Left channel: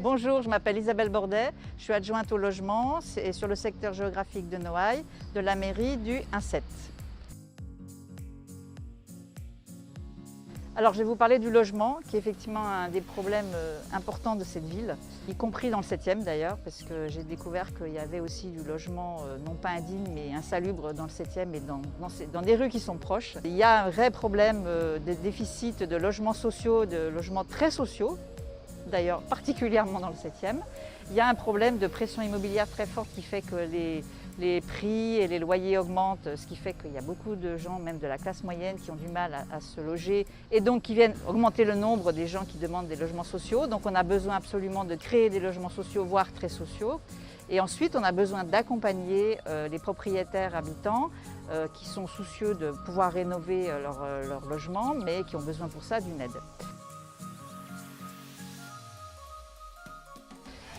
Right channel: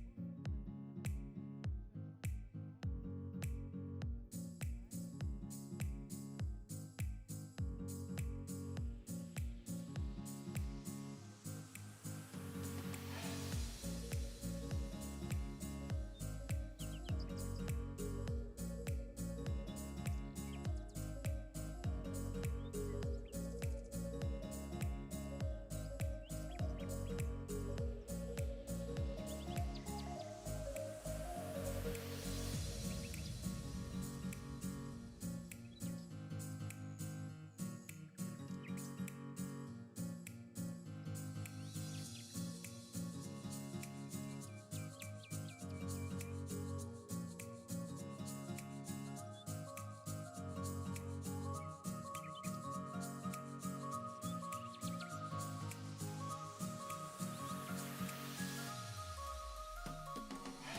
Bonjour, je m'appelle Isabelle Bordet, je suis adjointe au logement et sur le secteur géographique de Noailles, de la mairie du 1-7. Alors je vais vous parler du logement, qui est effectivement un des problèmes importants de cette ville, y compris dans le 7e d'ailleurs, parce que j'ai découvert qu'il y avait aussi du logement non pas indigne mais insalubre dans le 7e et dans des rues qui sont proches. Il y a un vrai problème de déficit de logements sociaux, de logements très sociaux, d'ailleurs particulièrement dans le 7e. Il y a un problème de pression immobilière très forte qui fait que les prix et les loyers augmentent, ce qui fait qu'il y a beaucoup de gens, même de la classe moyenne, qui ont du mal à se loger et donc qui viennent augmenter le nombre des gens qui demandent des logements sociaux. Donc on a besoin absolument de créer des logements sociaux, voire très sociaux. Et ensuite, on a besoin d'accompagner les propriétaires habitants qui sont soucieux de pouvoir rénover leur logement, mais qui ont besoin pour ça d'une aide.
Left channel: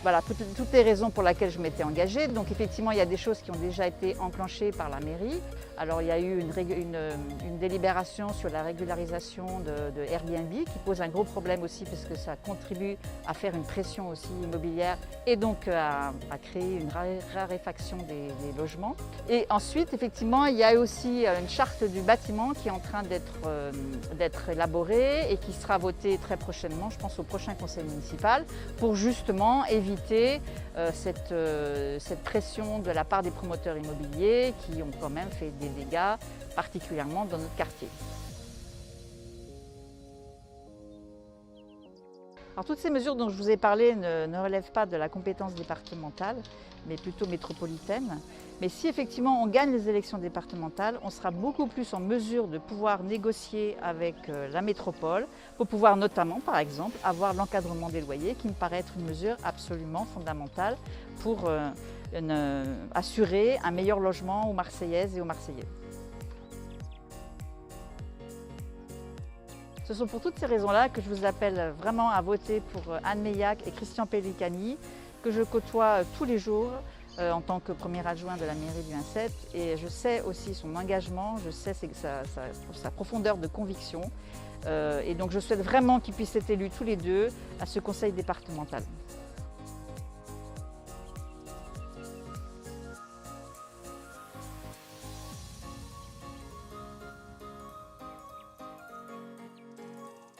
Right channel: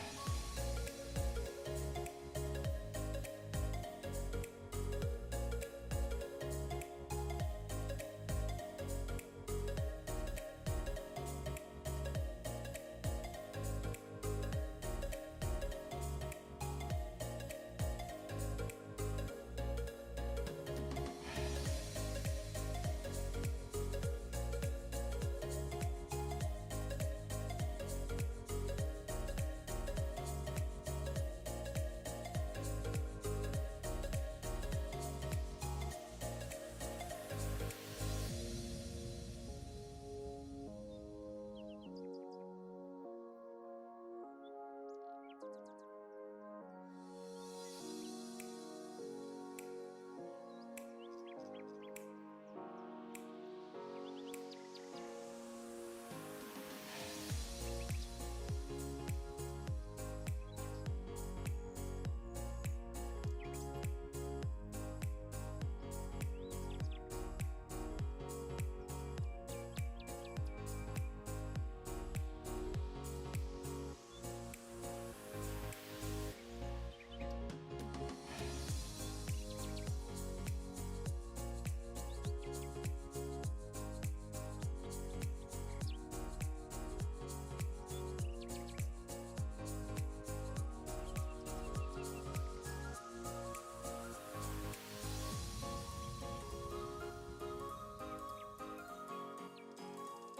Voilà, toutes les raisons pour lesquelles je m'étais engagée. Donc effectivement, il y a des choses qui ont déjà été enclenchées par la mairie. Alors il y a eu une délibération sur la régularisation de Airbnb qui pose un gros problème aussi parce que ça contribue à faire une pression aussi immobilière et donc à créer une raréfaction des logements. Et ensuite, effectivement, il y a aussi une charte du bâtiment qui est en train d'être élaborée et qui sera votée très prochainement, je pense au prochain conseil municipal, pour justement éviter cette pression de la part des promoteurs immobiliers qui ont quand même fait des dégâts, particulièrement dans notre quartier. Alors, toutes ces mesures dont je vous ai parlé ne relèvent pas de la compétence départementale, mais plutôt métropolitaine. Mais si effectivement on gagne les élections départementales, on sera beaucoup plus en mesure de pouvoir négocier avec la métropole pour pouvoir notamment, par exemple, avoir l'encadrement des loyers qui me paraît être une mesure absolument fondamentale pour assurer un meilleur logement aux Marseillaises et aux Marseillais. Ce sont pour toutes ces raisons-là que je vous appelle vraiment à voter pour Anne Meillac et Christian Pellicani, que je côtoie tous les jours en tant que premier adjoint de la mairie du 1-7. Et je sais aussi son engagement, je sais sa profondeur de conviction. Et donc je souhaite vraiment qu'ils puissent être élus tous les deux à ce conseil départemental.